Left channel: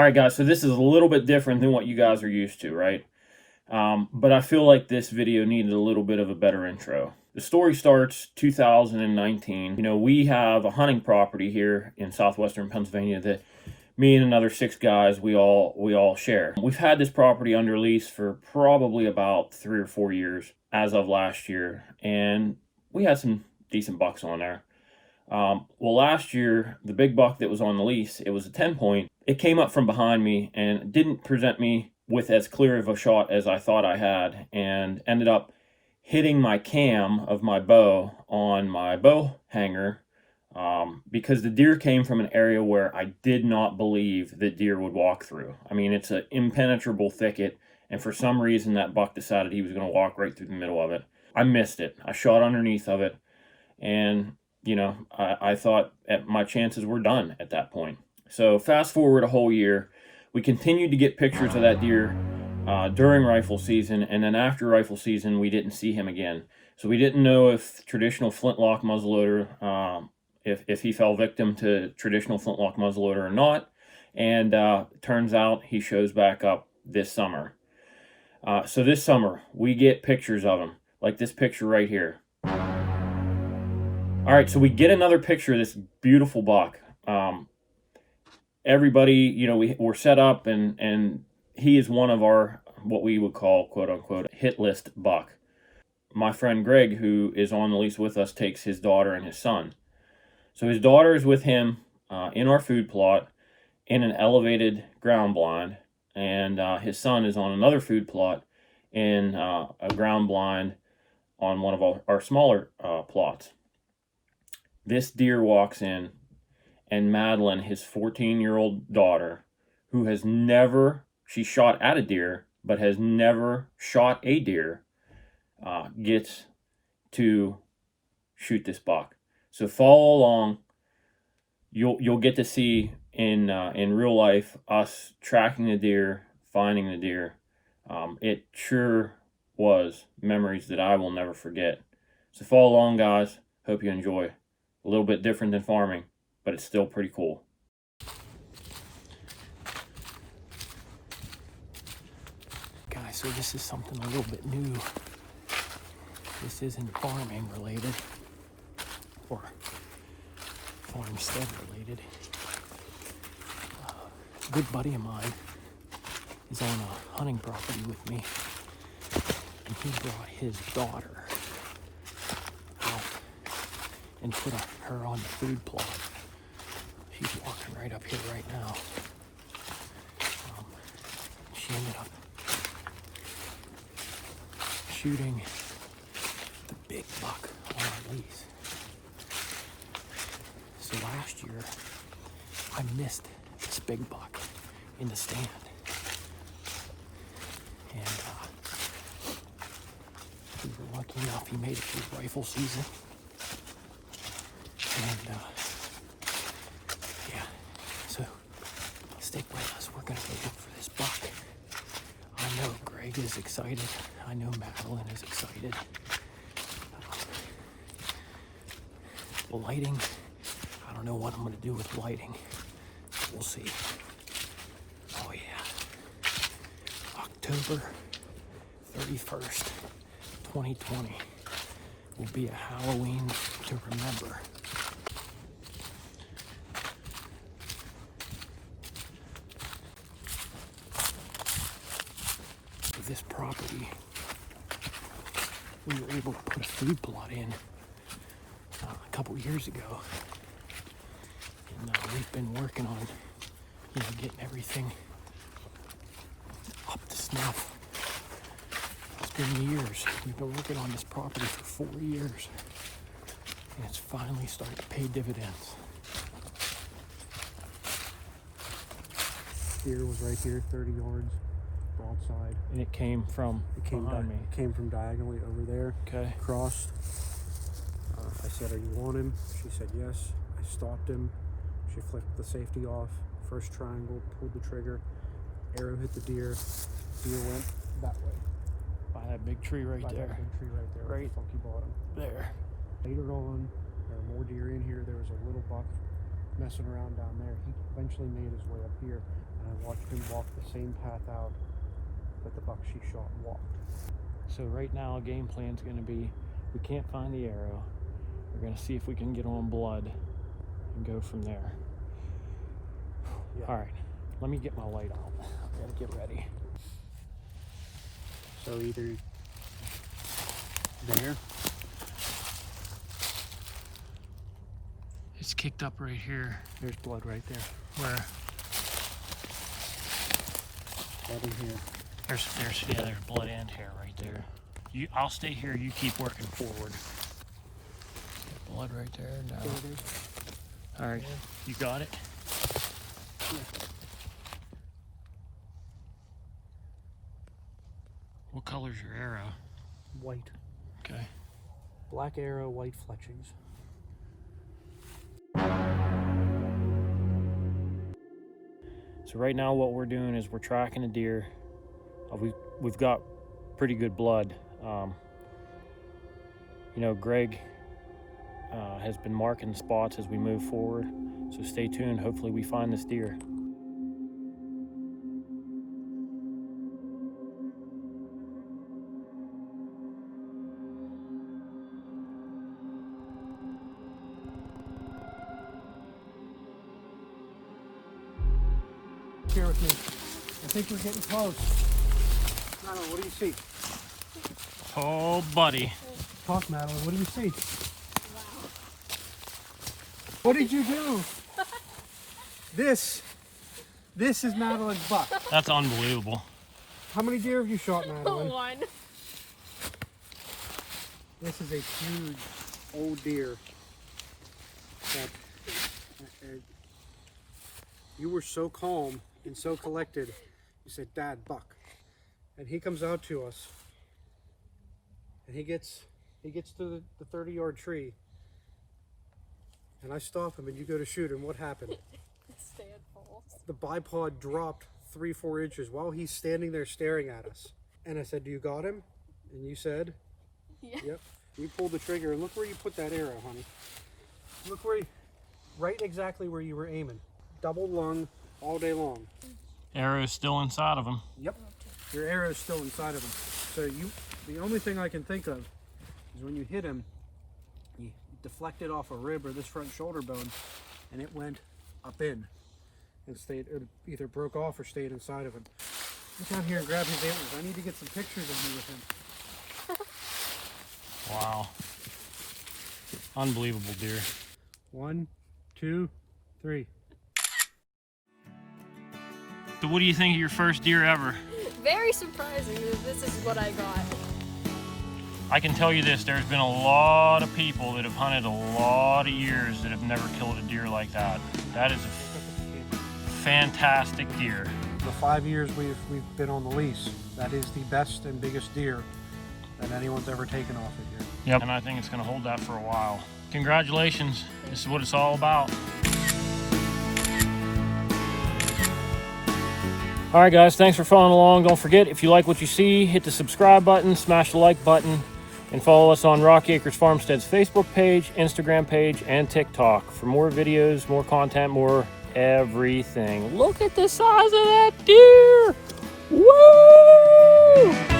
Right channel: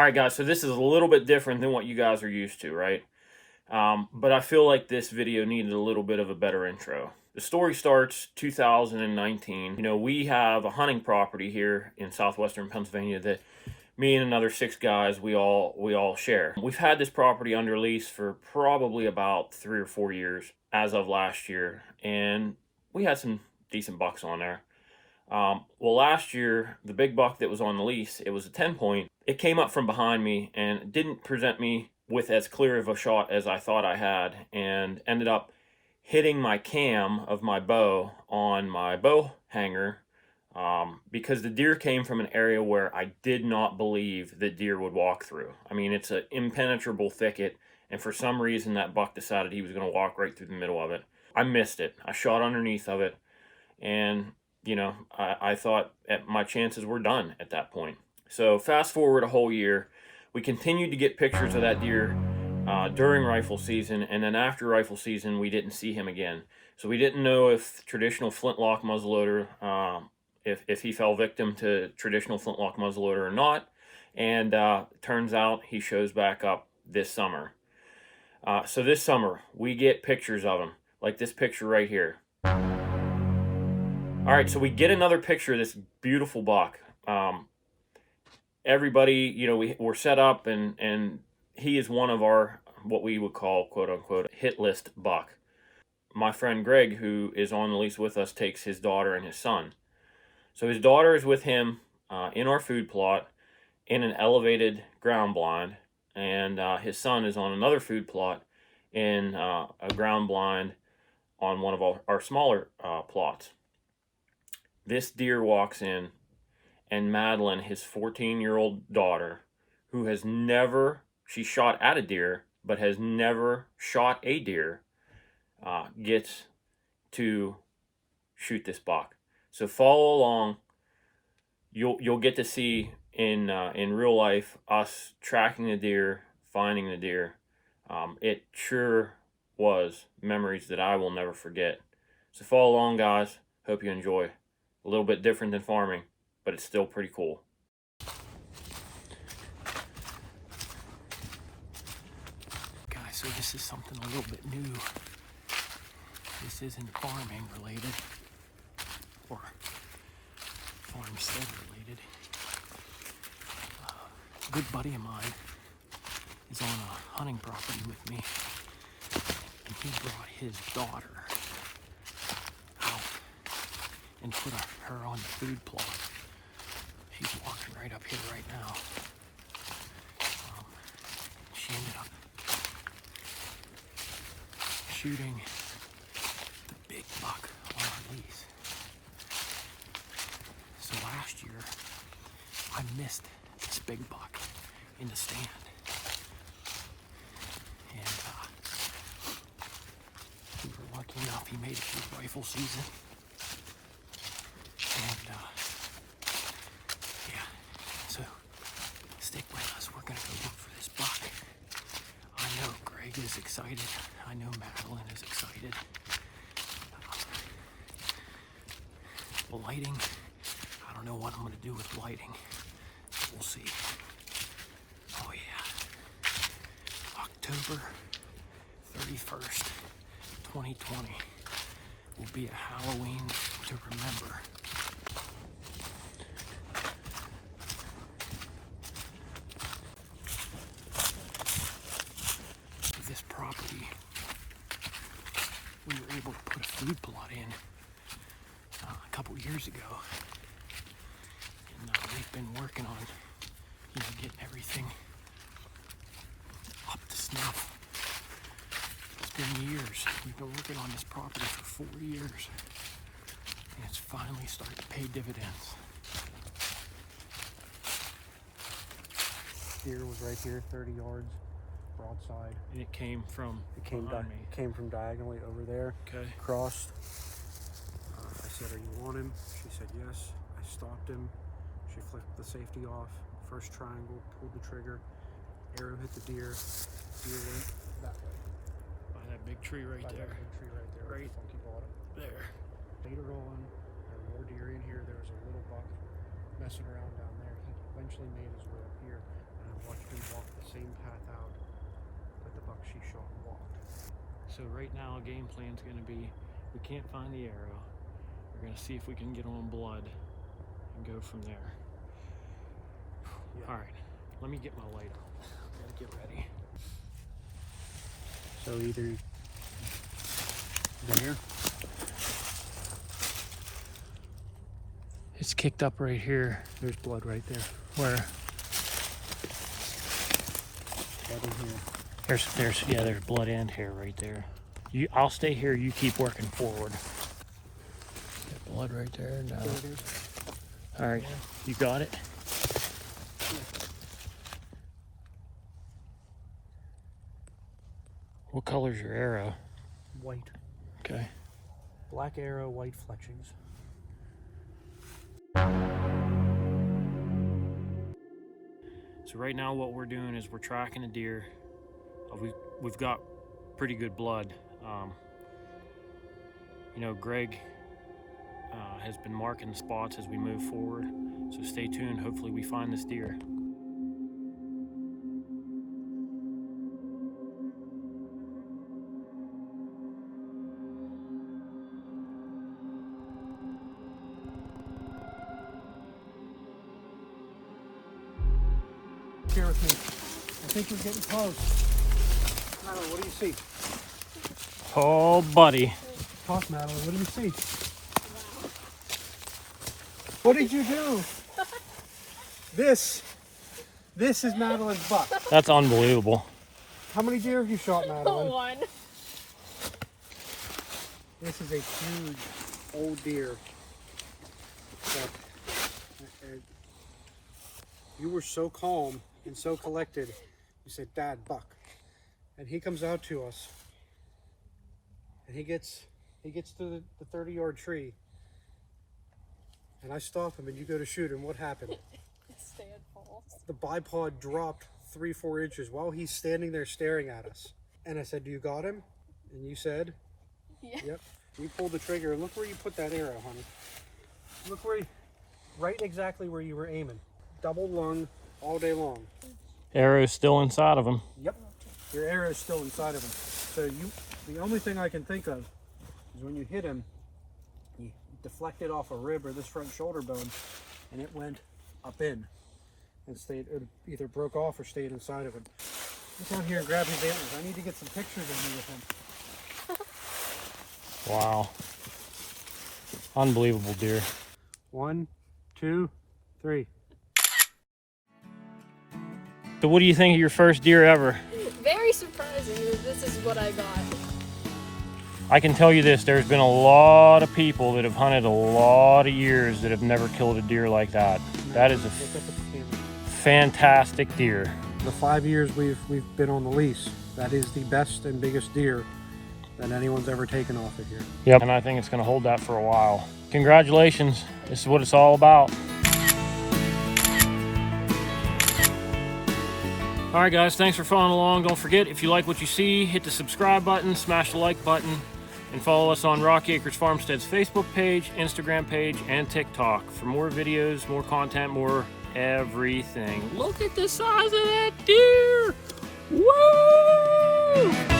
All right, guys, so this is a little bit different than what you guys are used to, right? But I feel like this video needed a little bit of a better intro. The story starts 2019. You know, we have a hunting property here in southwestern Pennsylvania that me and another 6 guys, we all share. We've had this property under lease for probably about 3 or 4 years as of last year, and we had some decent bucks on there. Well, last year, the big buck that was on the lease, it was a 10 point. It came up from behind me and didn't present me with as clear of a shot as I thought I had, and ended up hitting my cam of my bow on my bow hanger, because the deer came from an area where I did not believe that deer would walk through. I mean, it's an impenetrable thicket, and for some reason that buck decided he was going to walk right through the middle of it. I missed it. I shot underneath of it, and you know, I thought my chances were done at that point. So fast forward a whole year, we continued to get pictures of that deer during rifle season, and then after rifle season, we didn't see him again. So we didn't know if traditional flintlock muzzleloader, if he fell victim to traditional flintlock muzzleloader or not. And turns out he shows back up this summer. So this summer, we get pictures of him, like this picture right here. All right, so we get another picture of this beautiful buck. Everybody, you know, we're set up, and he is one of our, what we would call, quote unquote, hit list buck. My friend Greg, who is on the lease with us, takes his daughter and his son. So his daughter is with him in our food plot in an elevated ground blind, and his son is on another food plot in a ground blind on one of our smaller plots. This deer walks in, and Madeline, his 14-year-old daughter, who has never, she shot at a deer, but has never shot a deer, gets to shoot this buck. So follow along. You'll get to see in real life us tracking the deer, finding the deer. It sure was memories that I will never forget. So follow along, guys. Hope you enjoy. A little bit different than farming, but it's still pretty cool. Guys, so this is something a little bit new. This isn't farming related or farmstead related. A good buddy of mine is on a hunting property with me, and he brought his daughter out and put her on the food plot. She's walking right up here right now. She ended up shooting the big buck on our lease. So last year, I missed this big buck in the stand. And we were lucky enough he made it through rifle season. And yeah, so stick with us. We're gonna go look for this buck. I know Greg is excited. I know Madeline is excited. Lighting, I don't know what I'm gonna do with lighting. We'll see. Oh yeah, October 31st, 2020 will be a Halloween to remember. This property, we were able to put a food plot in a couple years ago, and we've been working on, you know, getting everything up to snuff. It's been years. We've been working on this property for 4 years, and it's finally starting to pay dividends. Deer was right here, 30 yards. Broadside. And it came from behind me. It came from diagonally over there. Okay. Crossed. I said, "Are you on him?" She said yes. I stalked him. She flicked the safety off. First triangle, pulled the trigger. Arrow hit the deer. Deer went that way. By that big tree right there. That big tree right there. Right there. Later on, there were more deer in here. There was a little buck messing around down there. He eventually made his way up here. and I watched him walk the same path out that the buck she shot walked. So right now, a game plan's going to be, we can't find the arrow. We're going to see if we can get on blood and go from there. Yeah. All right, let me get my light out. I gotta get ready. So either there. It's kicked up right here. There's blood right there. Where? Blood in here. There's blood and hair right there. I'll stay here. You keep working forward. Blood right there. No. All right, you got it. What color's your arrow? White. Okay. Black arrow, white fletchings. So right now what we're doing is we're tracking a deer. We've got pretty good blood. You know, Greg has been marking spots as we move forward. So stay tuned. Hopefully we find this deer. Here with me. I think we're getting close. Madeline, what do you see? Oh, buddy. Talk, Madeline, what do you see? What did you do? This is Madeline's buck. That's unbelievable. How many deer have you shot, Madeline? One. This is a huge old deer. You were so calm and so collected. You said, "Dad, buck," and he comes out to us, and he gets to the 30-yard tree, and I stop him, and you go to shoot him. What happened? Stand false. The bipod dropped 3-4 inches while he's standing there staring at us. And I said, "Do you got him?" And you said, Yeah. "Yep." You pulled the trigger. Look where you put that arrow, honey. Look where, right exactly where you were aiming. Double lung all day long. Arrow's still inside of him. Yep. Your arrow's still inside of him. So the only thing I can think of is when you hit him, you deflected off a rib or this front shoulder bone, and it went up in and stayed. It either broke off or stayed inside of him. Get down here and grab his antlers. I need to get some pictures of you with him. Wow. Unbelievable deer. 1, 2, 3. So what do you think of your first deer ever? Very surprising that this is what I got. I can tell you this, there's been a lot of people that have hunted a lot of years that have never killed a deer like that. That is a fantastic deer. The 5 years we've been on the lease, that is the best and biggest deer that anyone's ever taken off of here. Yep. And I think it's gonna hold that for a while. Congratulations, this is what it's all about. All right, guys, thanks for following along. Don't forget, if you like what you see, hit the subscribe button, smash the like button, and follow us on Rocky Acres Farmstead's Facebook page, Instagram page, and TikTok for more videos, more content, more everything. Look at the size of that deer! Woo!